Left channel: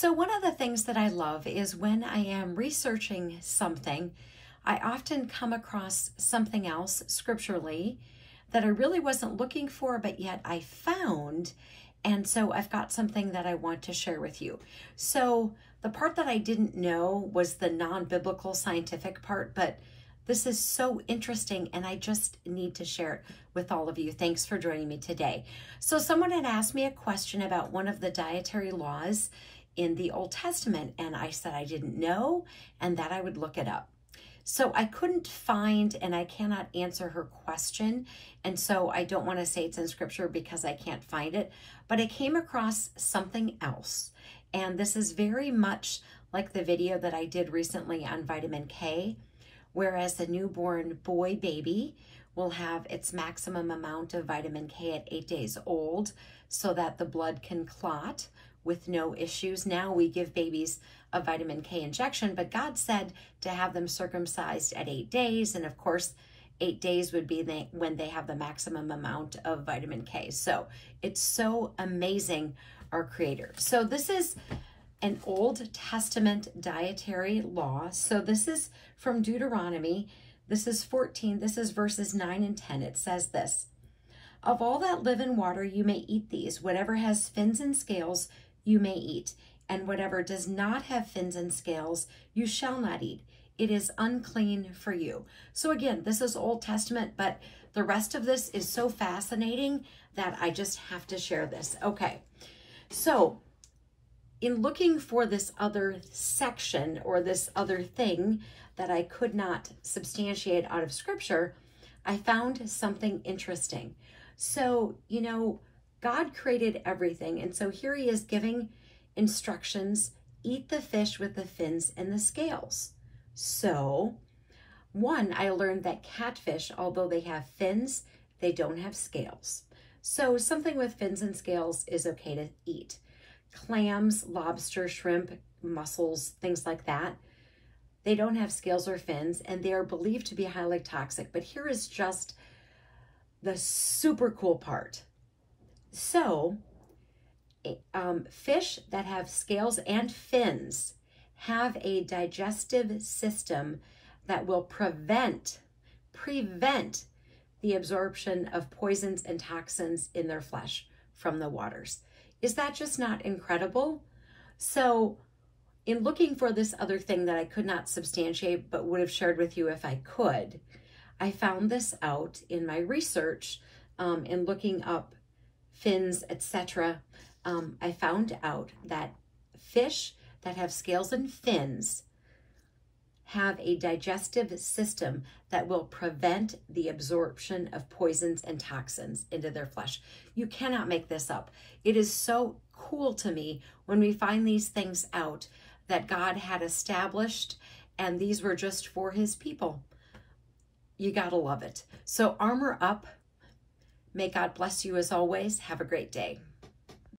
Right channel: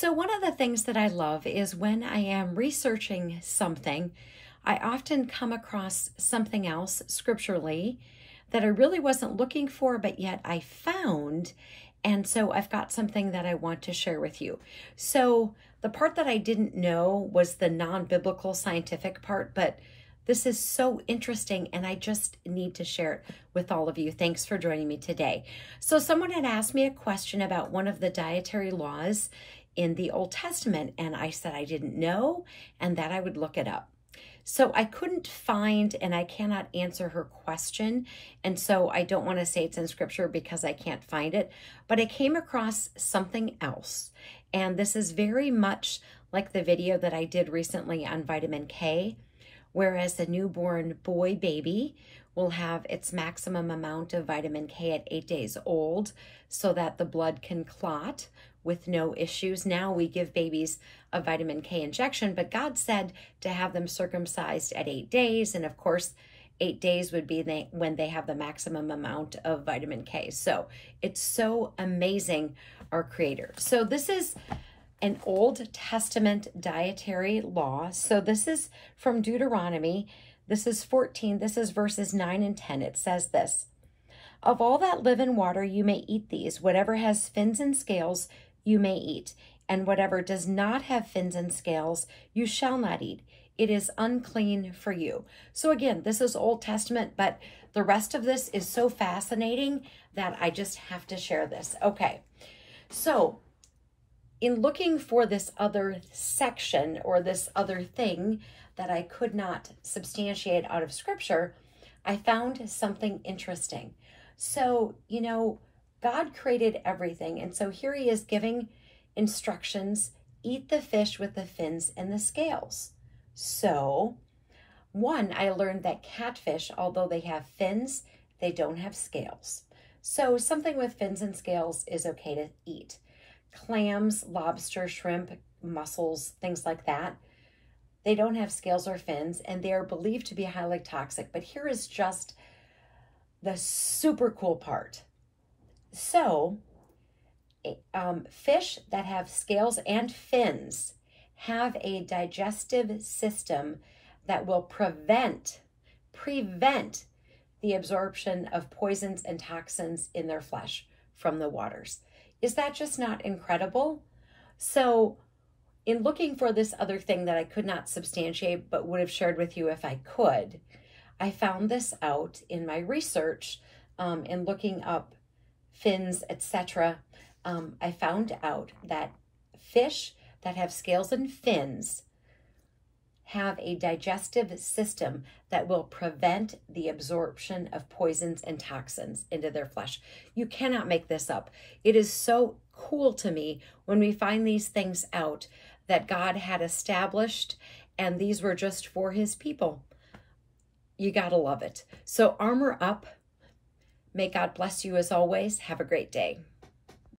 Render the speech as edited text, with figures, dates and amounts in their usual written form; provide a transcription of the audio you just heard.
So one of the things that I love is when I am researching something, I often come across something else scripturally that I really wasn't looking for, but yet I found. And so I've got something that I want to share with you. So the part that I didn't know was the non-biblical scientific part, but this is so interesting and I just need to share it with all of you. Thanks for joining me today. So someone had asked me a question about one of the dietary laws in the Old Testament, and I said I didn't know and that I would look it up. So I couldn't find, and I cannot answer her question, and so I don't want to say it's in scripture because I can't find it, but I came across something else, and this is very much like the video that I did recently on vitamin K, whereas a newborn boy baby will have its maximum amount of vitamin K at 8 days old so that the blood can clot with no issues. Now we give babies a vitamin K injection, but God said to have them circumcised at 8 days. And of course, 8 days would be when they have the maximum amount of vitamin K. So it's so amazing, our Creator. So this is an Old Testament dietary law. So this is from Deuteronomy. This is 14. This is verses 9 and 10. It says this: "Of all that live in water, you may eat these. Whatever has fins and scales, you may eat. And whatever does not have fins and scales, you shall not eat. It is unclean for you." So again, this is Old Testament, but the rest of this is so fascinating that I just have to share this. Okay, so in looking for this other section or this other thing that I could not substantiate out of scripture, I found something interesting. So, you know, God created everything. And so here he is giving instructions: eat the fish with the fins and the scales. So one, I learned that catfish, although they have fins, they don't have scales. So something with fins and scales is okay to eat. Clams, lobster, shrimp, mussels, things like that, they don't have scales or fins, and they are believed to be highly toxic. But here is just the super cool part. So fish that have scales and fins have a digestive system that will prevent the absorption of poisons and toxins in their flesh from the waters. Is that just not incredible? So in looking for this other thing that I could not substantiate but would have shared with you if I could, I found this out in my research in looking up fins, etc. I found out that fish that have scales and fins have a digestive system that will prevent the absorption of poisons and toxins into their flesh. You cannot make this up. It is so cool to me when we find these things out that God had established, and these were just for his people. You gotta love it. So armor up. May God bless you as always. Have a great day.